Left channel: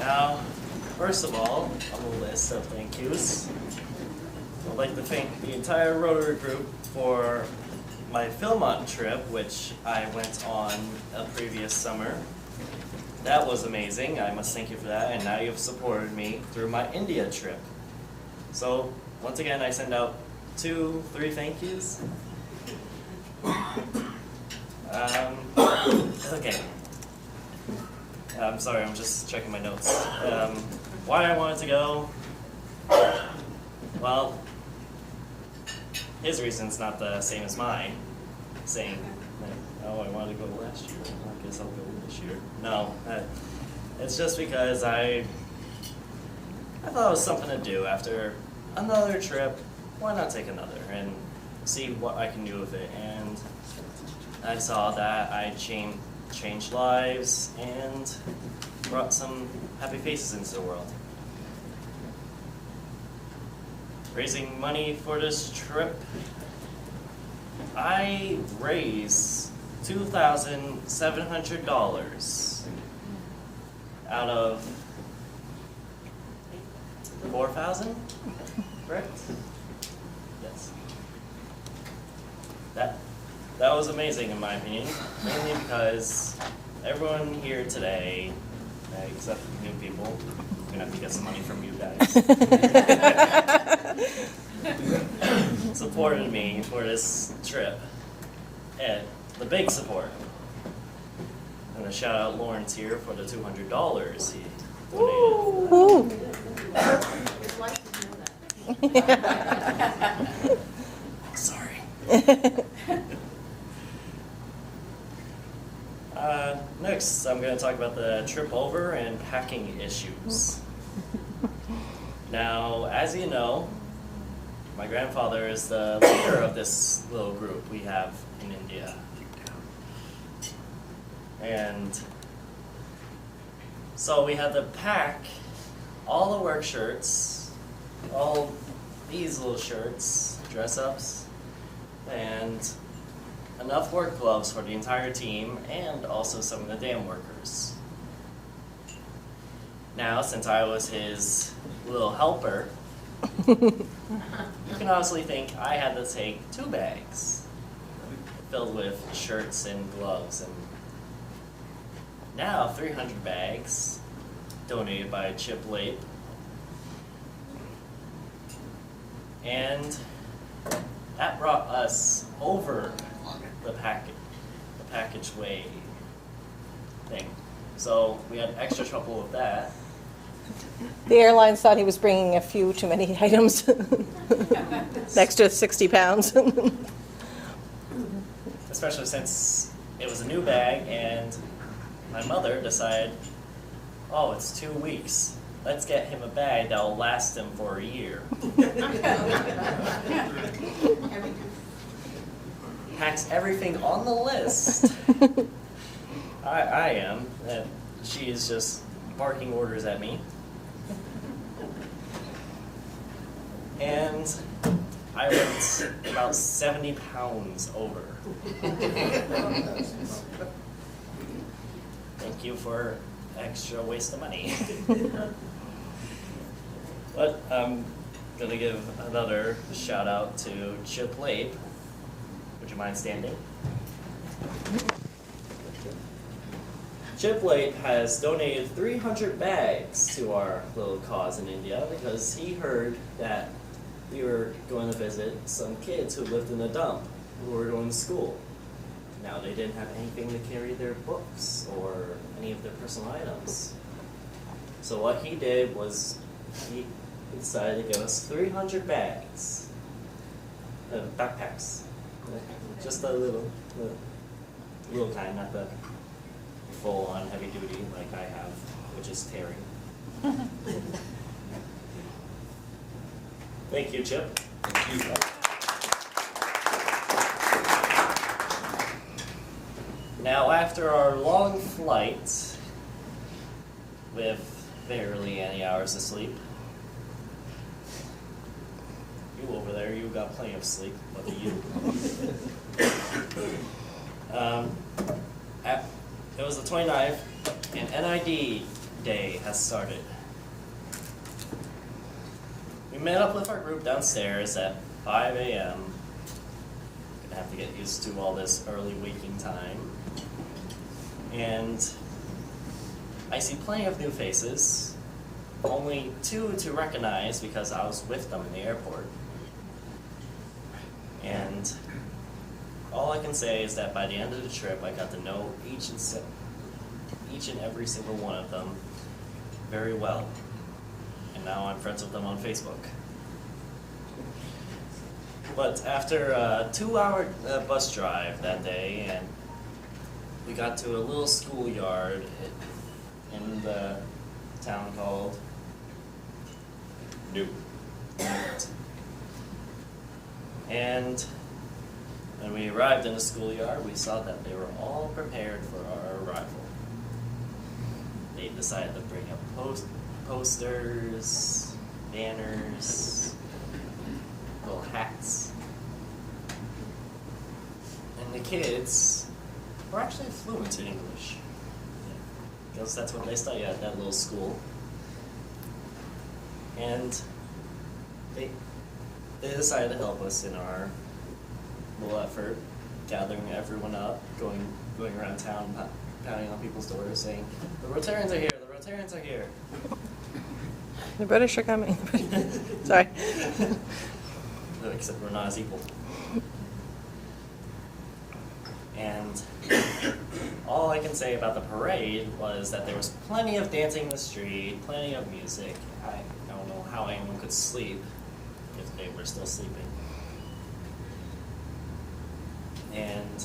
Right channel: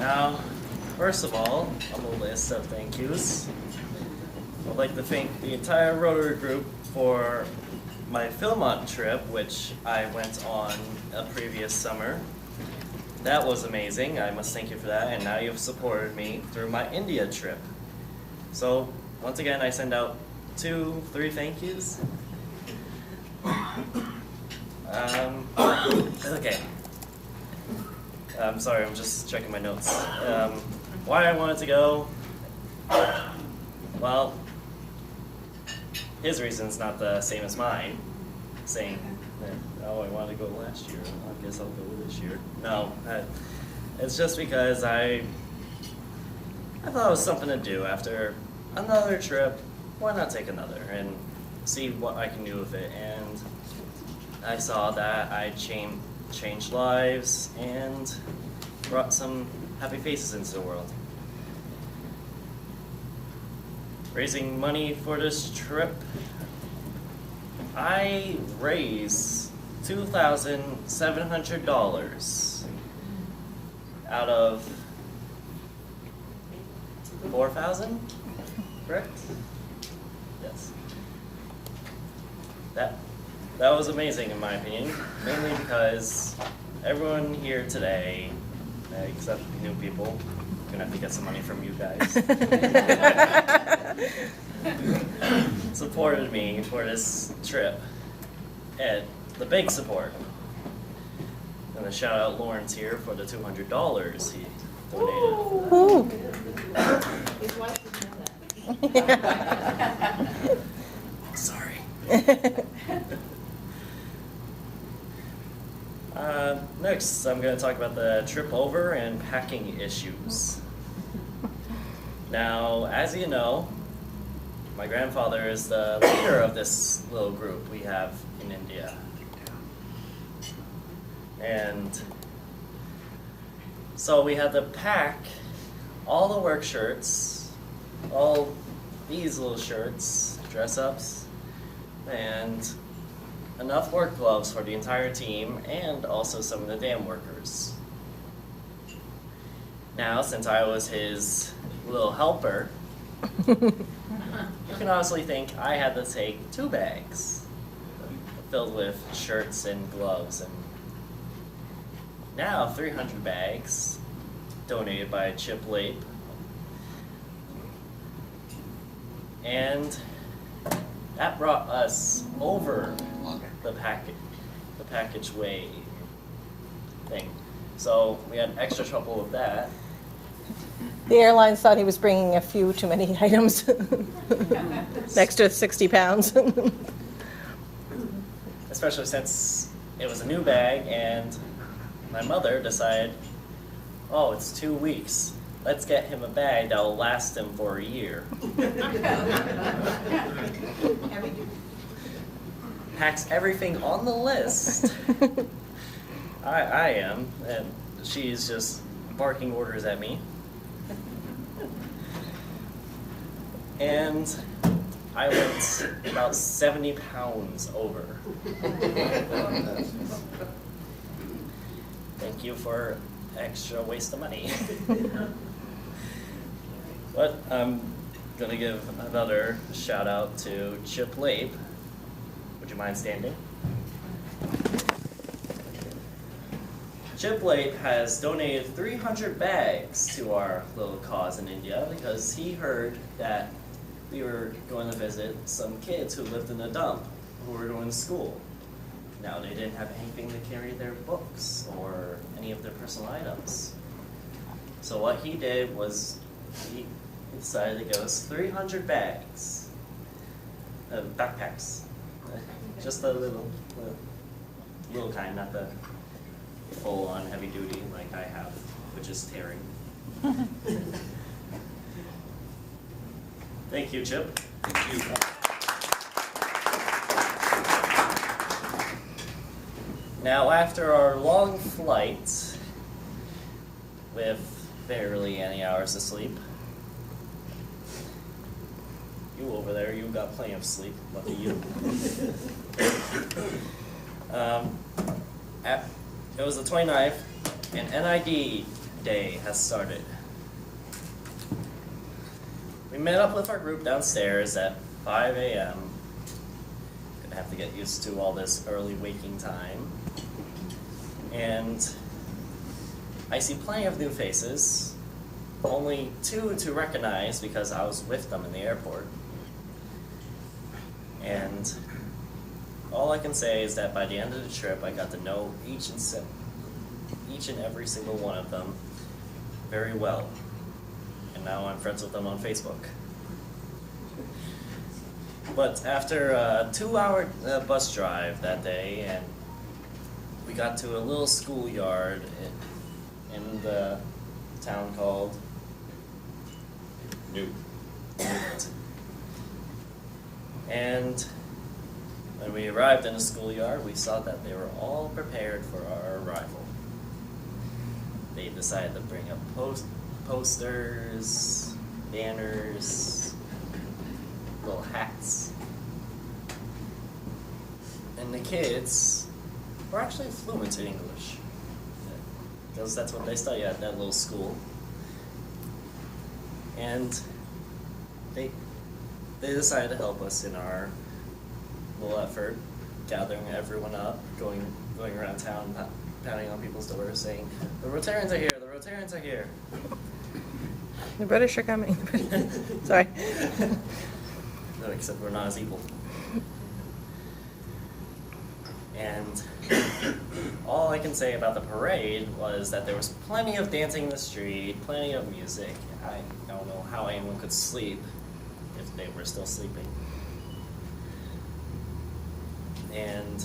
Now, first of all, on the list of thank yous, I'd like to thank the entire Rotary group for my Philmont trip, which I went on a previous summer. That was amazing. I must thank you for that. And now you've supported me through my India trip. So, once again, I send out 2-3 thank yous. Okay. I'm sorry, I'm just checking my notes. Why I wanted to go? Well, his reason's not the same as mine. Saying, oh, I wanted to go last year. I guess I'll go this year. No, it's just because I thought it was something to do after another trip. Why not take another and see what I can do with it? And I saw that I changed lives and brought some happy faces into the world. Raising money for this trip, I raised $2,700 out of 4,000, correct? Yes. That was amazing in my opinion, mainly because everyone here today, except new people, I'm gonna have to get some money from you guys, supported me for this trip, and the big support. I'm gonna shout out Lawrence here for the $200 he donated. His wife would know that. Sorry. Next, I'm going to talk about the trip over and packing issues. Now, as you know, my grandfather is the leader of this little group we have in India. And so we had to pack all the work shirts, all these little shirts, dress-ups, and enough work gloves for the entire team and also some of the dam workers. Now, since I was his little helper, you can honestly think I had to take 2 bags filled with shirts and gloves, and now 300 bags donated by Chip Lape. And that brought us over the package way thing. So we had extra trouble with that. The airlines thought he was bringing a few too many items, an extra 60 pounds. Especially since it was a new bag and my mother decided, oh, it's 2 weeks. Let's get him a bag that will last him for a year. Packs everything on the list. I am, and she's just barking orders at me. And I went about 70 pounds over. Thank you for extra waste of money. But I'm going to give another shout out to Chip Lape. Would you mind standing? Chip Lape has donated 300 bags to our little cause in India because he heard that we were going to visit some kids who lived in a dump who were going to school. Now, they didn't have anything to carry their books or any of their personal items. So what he did was he decided to give us 300 bags, backpacks. Just a little kind, not the full-on heavy duty like I have, which is tearing. Thank you, Chip. Thank you. Now, after our long flight, with barely any hours of sleep, you over there, you got plenty of sleep, lucky you. It was the 29th, and NID day has started. We met up with our group downstairs at 5 a.m. Gonna have to get used to all this early waking time. And I see plenty of new faces, only 2 to recognize because I was with them in the airport. And all I can say is that by the end of the trip, I got to know each and every single one of them very well. And now I'm friends with them on Facebook. But after a 2-hour bus drive that day, and we got to a little schoolyard in the town called Newt. And when we arrived in the schoolyard, we saw that they were all prepared for our arrival. They decided to bring up posters, banners, little hats. And the kids were actually fluent in English, because that's what they study at that little school. And they decided to help us in our little effort, gathering everyone up, going around town, pounding on people's doors, saying, "The Rotarians are here! The Rotarians are here!" The British are coming. Sorry. Except we're not as equal. And all I can say about the parade was that there was plenty of dancing in the street, plenty of music. I don't know how anyone could sleep if they were still sleeping. And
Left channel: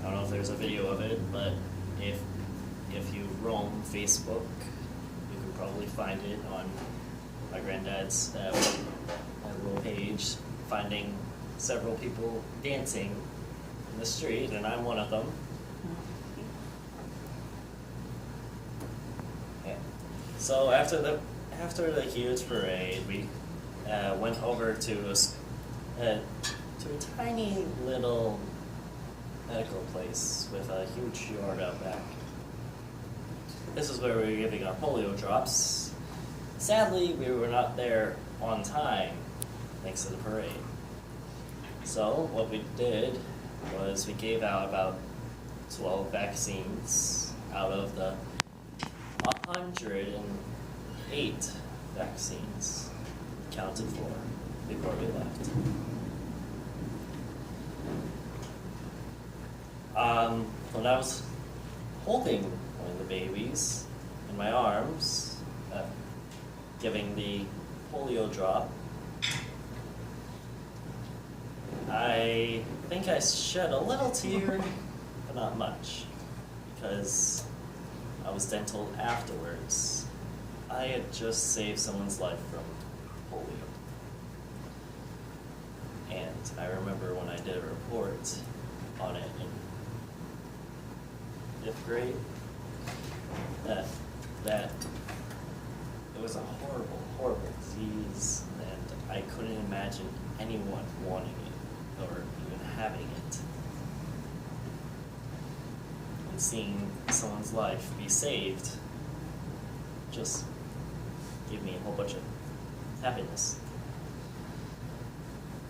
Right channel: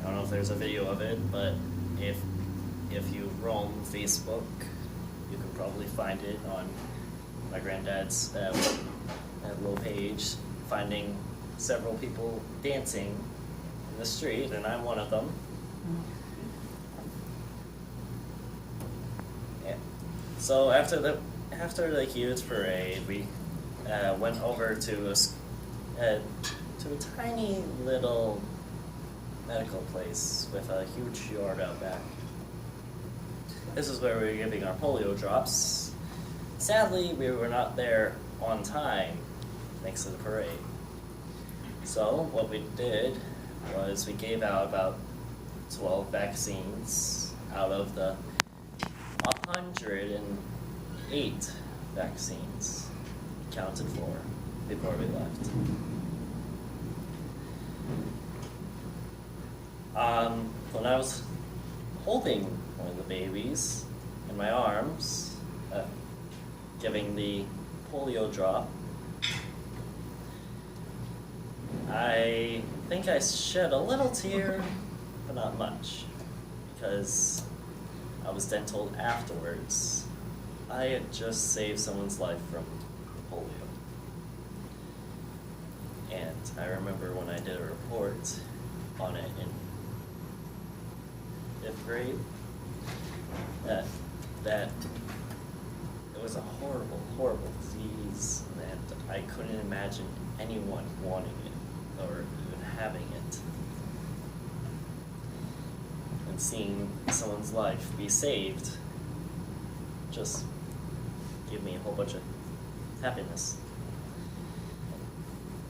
I don't know if there's a video of it, but if you roam Facebook, you can probably find it on my granddad's little page, finding several people dancing in the street, and I'm one of them. Yeah. So after the huge parade, we went over to a tiny little medical place with a huge yard out back. This is where we were giving our polio drops. Sadly, we were not there on time, thanks to the parade. So what we did was we gave out about 12 vaccines out of the 108 vaccines counted for before we left. When I was holding one of the babies in my arms, giving the polio drop, I think I shed a little tear, but not much, because I was then told afterwards I had just saved someone's life from polio. And I remember when I did a report on it in 5th grade, that it was a horrible, horrible disease, and I couldn't imagine anyone wanting it or even having it. And seeing someone's life be saved just gave me a whole bunch of happiness.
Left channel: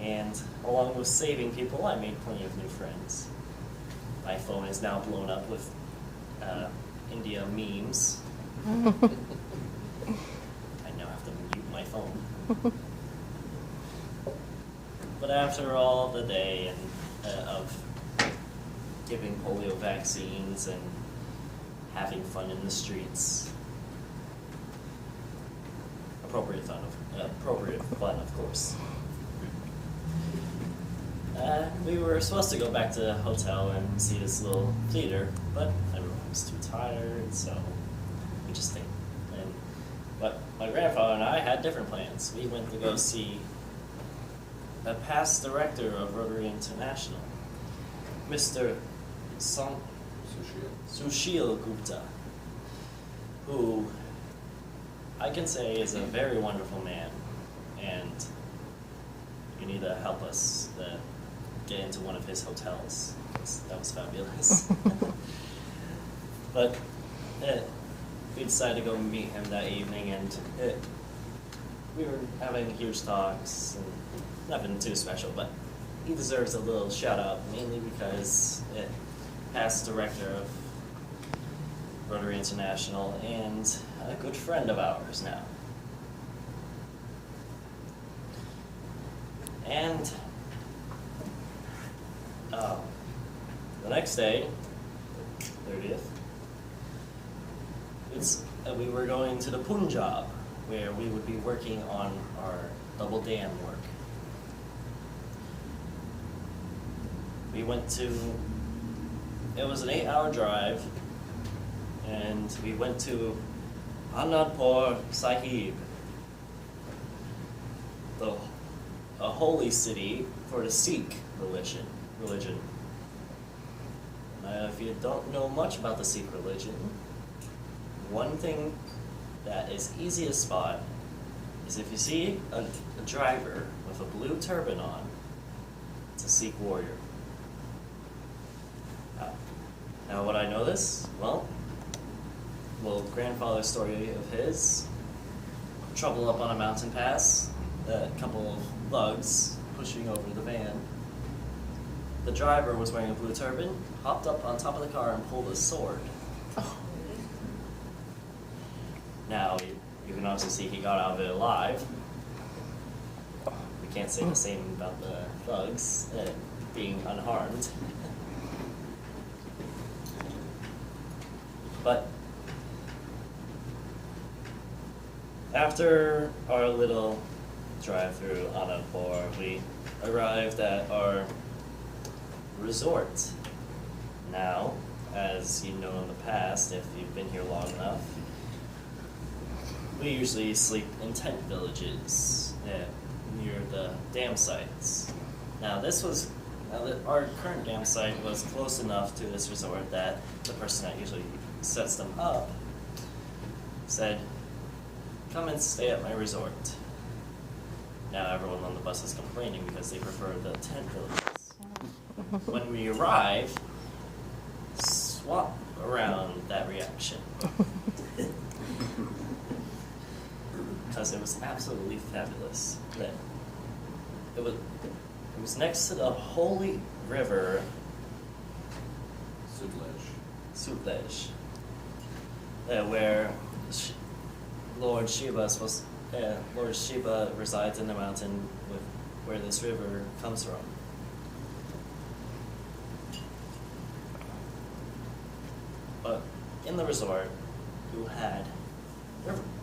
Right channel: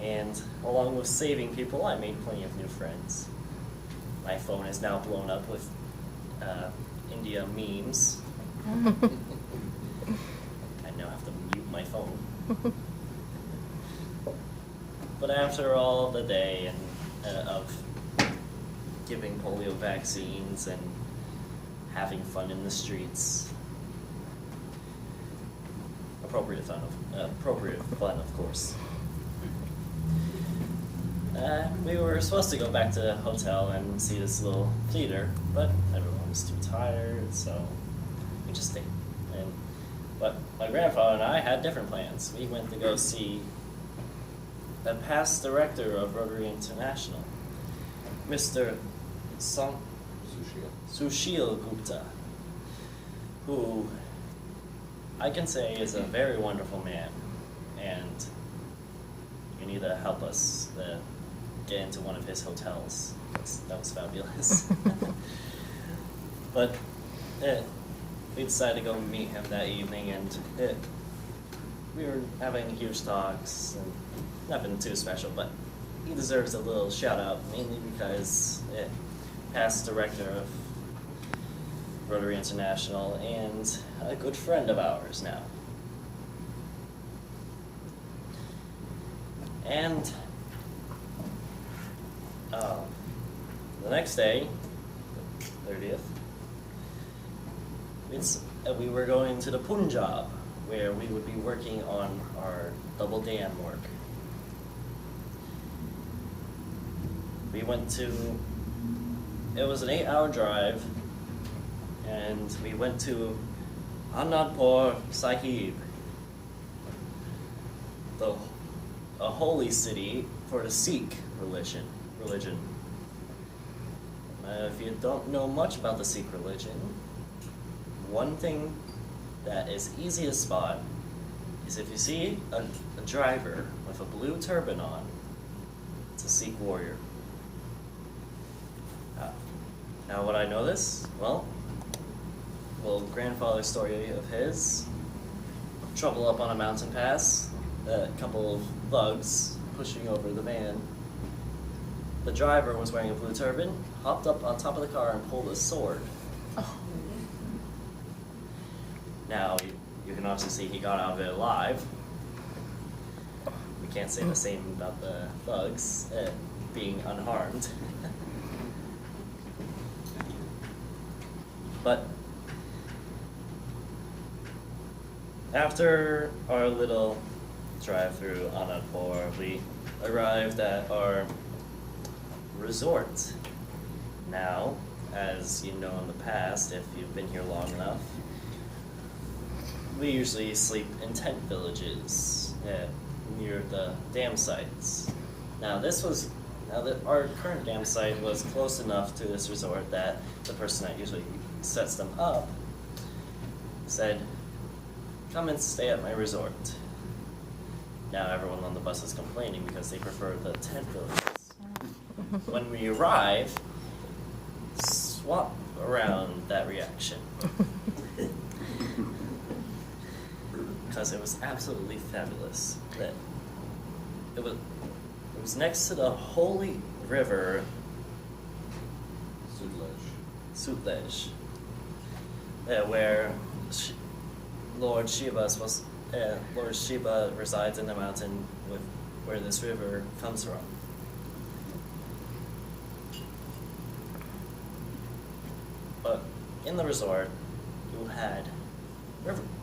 And along with saving people, I made plenty of new friends. My phone is now blown up with India memes. I now have to mute my phone. But after all the day and of giving polio vaccines and having fun in the streets, appropriate fun, of course. We were supposed to go back to the hotel and see this little theater, but everyone was too tired, so we just stayed. But my grandfather and I had different plans. We went to go see the past director of Rotary International, Mr. Sushil Gupta, who I can say is a very wonderful man, and you need to help us get into one of his hotels. That was fabulous. But we decided to go meet him that evening, and we were having huge talks, and nothing too special, but he deserves a little shout out, mainly because past director of Rotary International and a good friend of ours now. And the next day, 30th, we were going to the Punjab, where we would be working on our double dam work. We went to, it was an 8-hour drive, and we went to Anandpur Sahib, a holy city for the Sikh religion. Now, if you don't know much about the Sikh religion, one thing that is easy to spot is if you see a driver with a blue turban on, it's a Sikh warrior. Now, what I know this? Well, grandfather's story of his, trouble up on a mountain pass, a couple of thugs pushing over the van. The driver was wearing a blue turban, hopped up on top of the car and pulled a sword. Oh. Now, you can obviously see he got out of it alive. We can't say the same about the thugs being unharmed. But after our little drive through Anandpur, we arrived at our resort. Now, as you know in the past, if you've been here long enough, we usually sleep in tent villages near the dam sites. Now, our current dam site was close enough to this resort that the person that usually sets them up said, "Come and stay at my resort." Now everyone on the bus is complaining because they prefer the tent villages. When we arrive, swap around that reaction. Because it was absolutely fabulous. That it was next to the holy river Sutlej, where Lord Shiva resides in the mountain where this river comes from. But in the resort, you had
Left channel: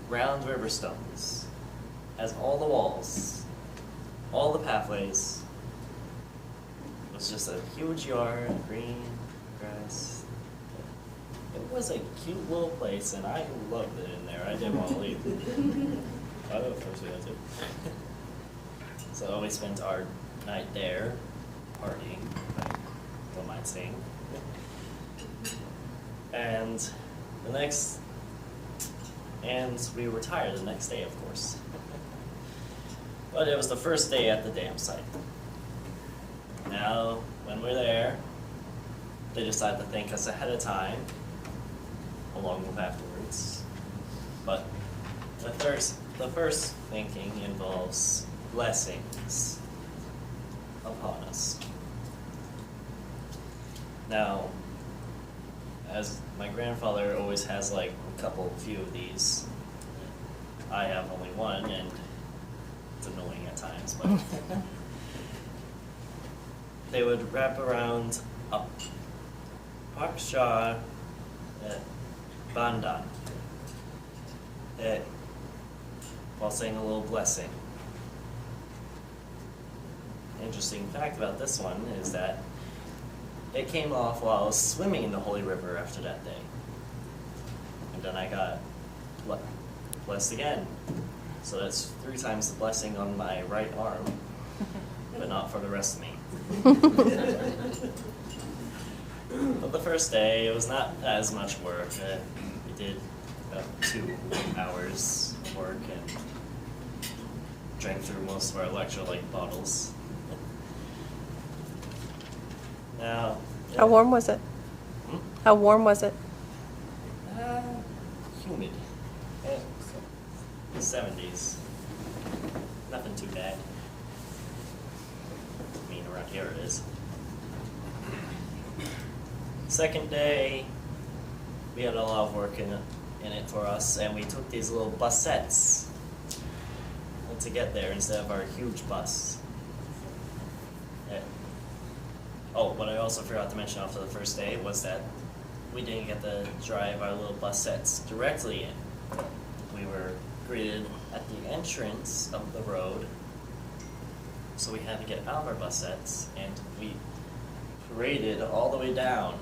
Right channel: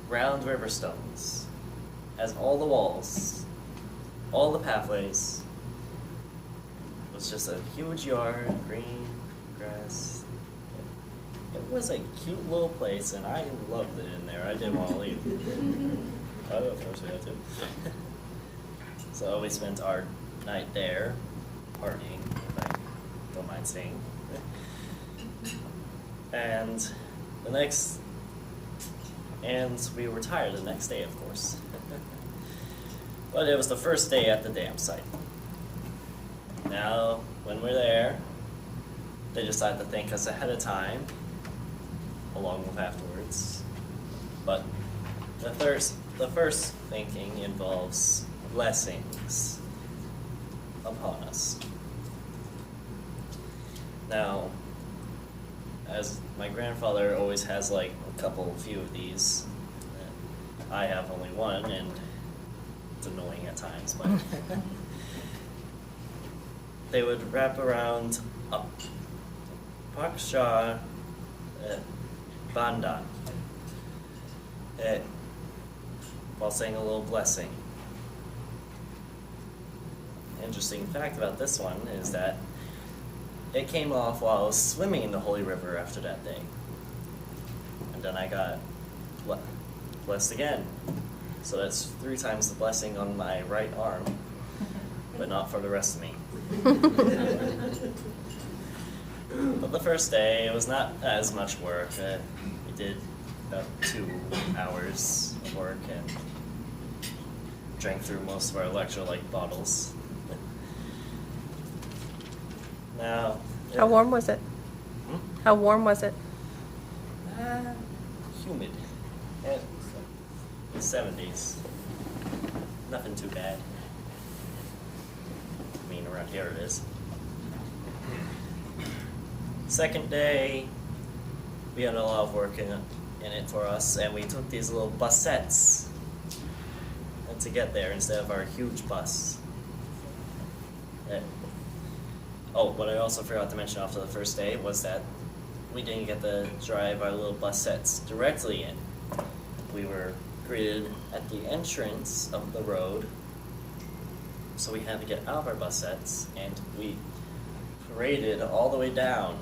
round river stones as all the walls, all the pathways. It was just a huge yard, green grass. It was a cute little place, and I loved it in there. I didn't want to leave. I don't personally had to. So we spent our night there, partying, if I don't mind saying. And we were tired the next day, of course. But it was the first day at the dam site. Now, when we're there, they decided to thank us ahead of time, along with afterwards. But the first thanking involves blessings upon us. Now, as my grandfather always has like a few of these, I have only one, and it's annoying at times, but they would wrap around a Paksha Bandhan while saying a little blessing. Interesting fact about this one is that it came off while I was swimming in the Holy River after that day. And then I got blessed again. So that's 3 times the blessing on my right arm, but not for the rest of me. But the first day, it was not as much work. We did about 2 hours of work and drank through most of our electrolyte bottles. Now, How warm was it? How warm was it? humid. And the 70s. Nothing too bad. I mean, around here it is. Second day, we had a lot of work in it for us, and we took these little busettes to get there instead of our huge bus. Oh, what I also forgot to mention after the first day was that we didn't get to drive our little busettes directly in. We were greeted at the entrance of the road, so we had to get out of our busettes, and we paraded all the way down.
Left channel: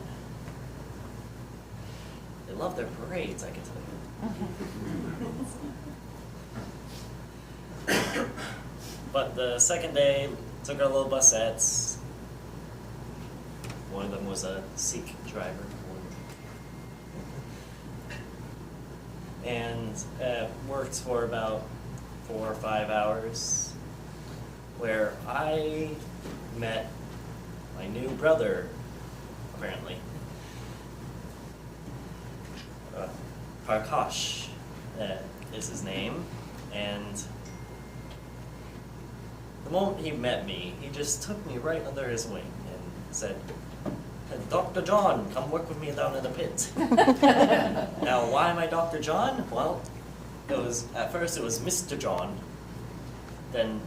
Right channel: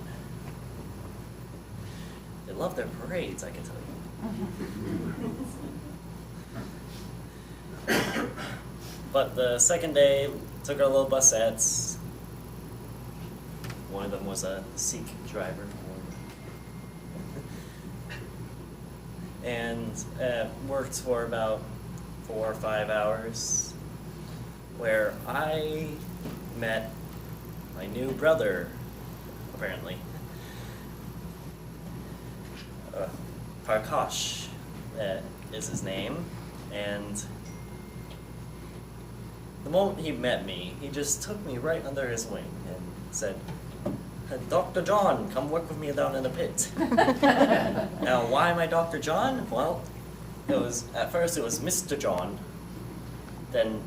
They love their parades, I can tell you. But the second day, took our little busettes. One of them was a Sikh driver. And worked for about 4 or 5 hours, where I met my new brother, apparently. Prakash is his name, and the moment he met me, he just took me right under his wing and said, "Dr. John, come work with me down in the pit." Now, why am I Dr. John? Well, at first it was Mr. John. Then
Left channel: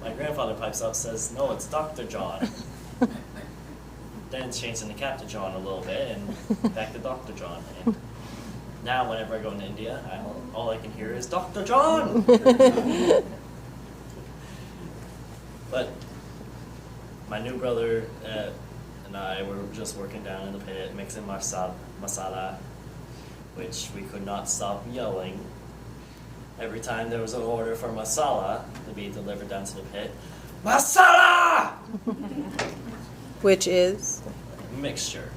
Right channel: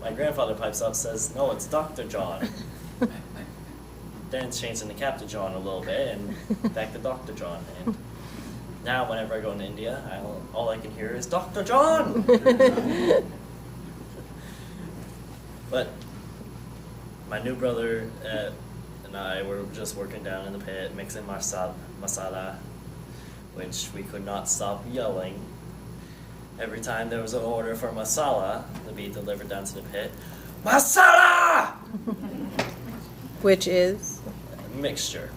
my grandfather pipes up, says, "No, it's Dr. John." Then it's changed into Captain John a little bit, and back to Dr. John. And now, whenever I go to India, all I can hear is Dr. John. But my new brother and I were just working down in the pit, mixing masala, which we could not stop yelling. Every time there was an order for masala to be delivered down to the pit, masala! Which is? Mixture.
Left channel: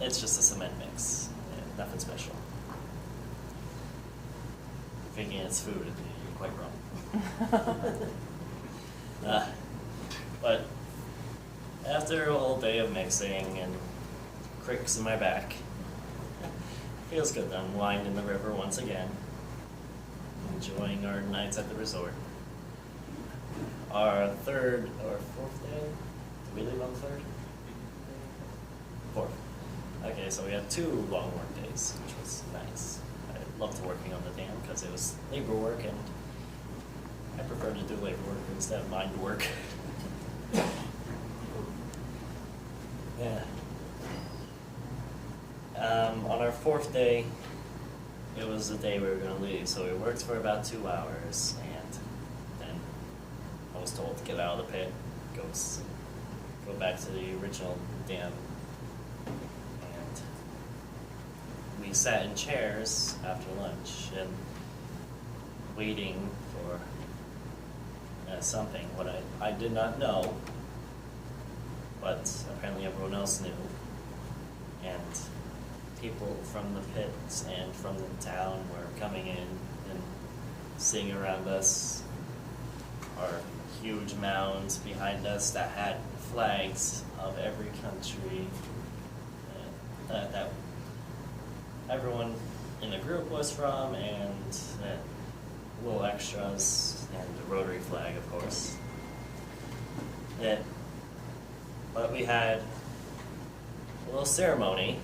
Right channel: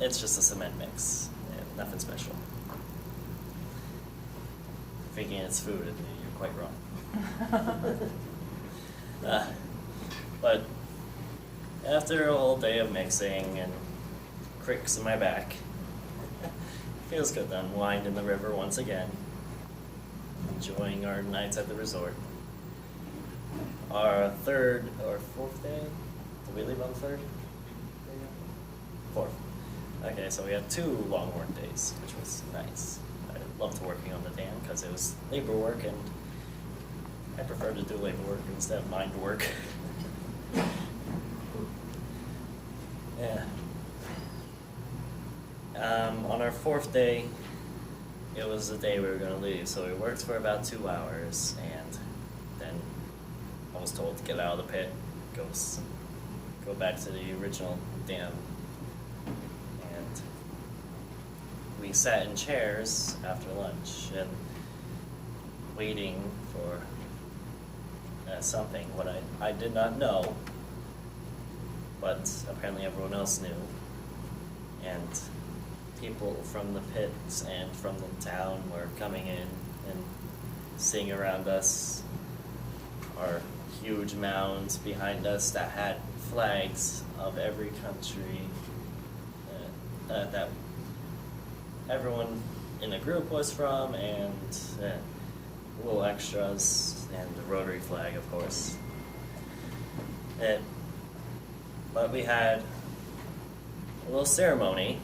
It's just a cement mix. Nothing special. Thinking it's food, you're quite wrong. But after a whole day of mixing and cricks in my back, feels good to unwind in the river once again, enjoying our nights at the resort. Our third or fourth day? Did we leave on the third? Fourth. Okay, so we had 2 long work days, which was nice. I loved working on the dam because it was labor work, and I prefer to do labor work instead of mind work. Yeah. On our 4th day, it was the day we were going to leave, so we worked for about 2 hours, and then I was told to get out of the pit, go back to the original dam, and we sat in chairs after lunch and waiting for something, what I did not know, but apparently everyone else knew, and people from the pits and from the town were coming in and sitting around us. Our huge mounds behind us that had flags of every country that everyone in the group was from, and little extras, and the Rotary flag, of course. But we had a little ceremony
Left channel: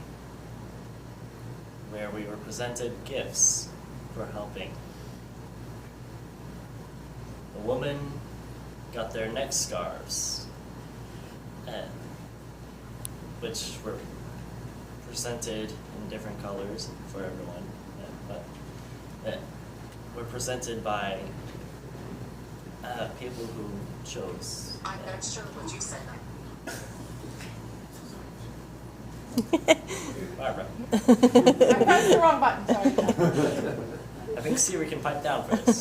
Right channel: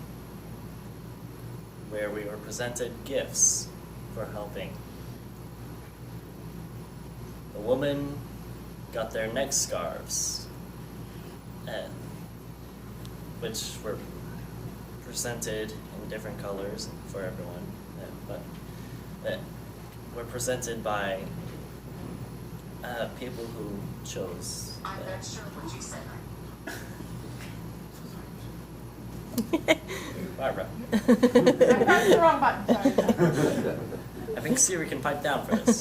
where we were presented gifts for helping. The woman got their neck scarves, which were presented in different colors for everyone, but that were presented by people who chose. I'm not sure what you said. Barbara. I pressed the wrong button, sorry. I think Siri can pipe down for this.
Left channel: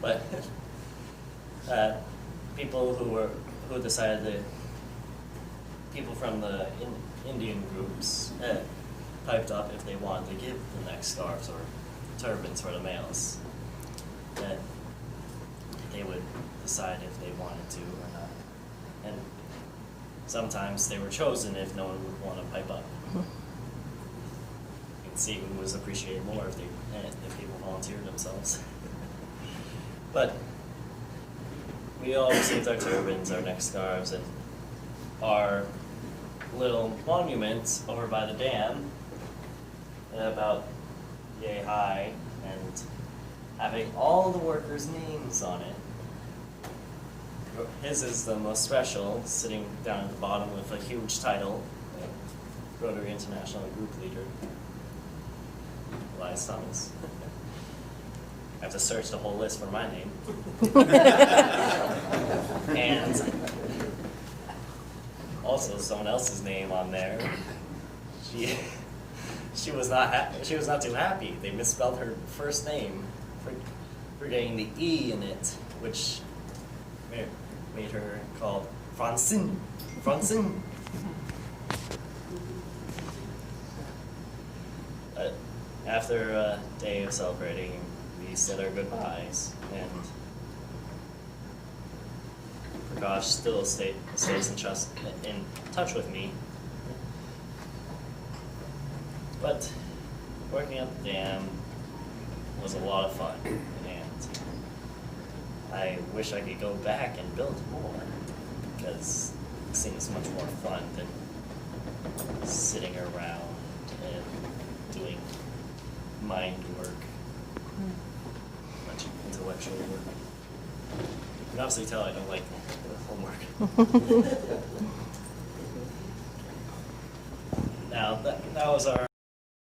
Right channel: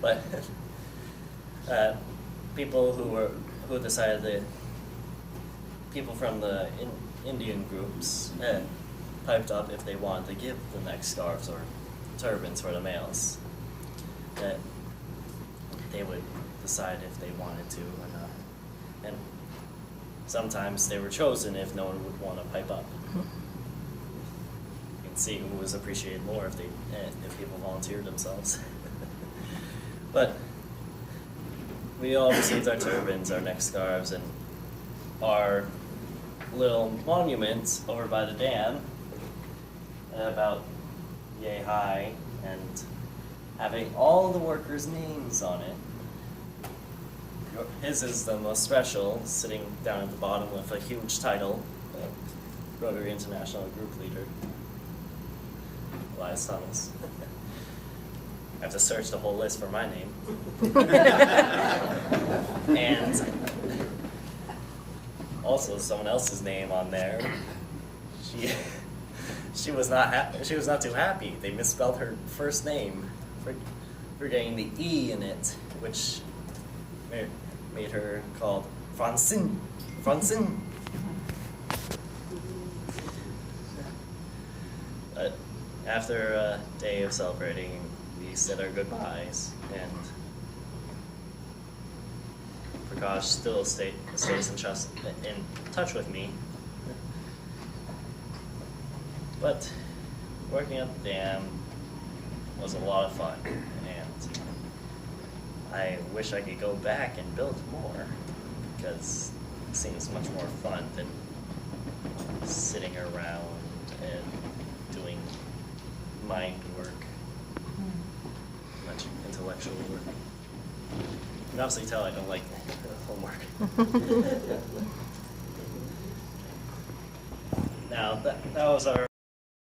But people who decided people from the Indian groups piped up if they wanted to give the neck scarves or turbans for the males, that they would decide if they wanted to or not. And sometimes they were chosen if no one would want to pipe up. You can see who was appreciated more if people volunteered themselves. But we all received our turbans, our neck scarves, and our little monument over by the dam, about yay high, and having all the workers' names on it. His is the most special, sitting down at the bottom with a huge title, Rotary International Group Leader, Elias Thomas. I have to search the whole list for my name. And also someone else's name on there. She was not she was not too happy. They misspelled her first name, forgetting the E in it, which made her called Francine. Francine. But after a day of celebrating, we said our goodbyes, and Prakash still stays in touch with me. But working at the dam was a lot of fun, and I wish I could go back and build more, because it seems much more fun than sitting around and doing mind work, much intellectual work. You can obviously tell I don't like homework. Now, that was our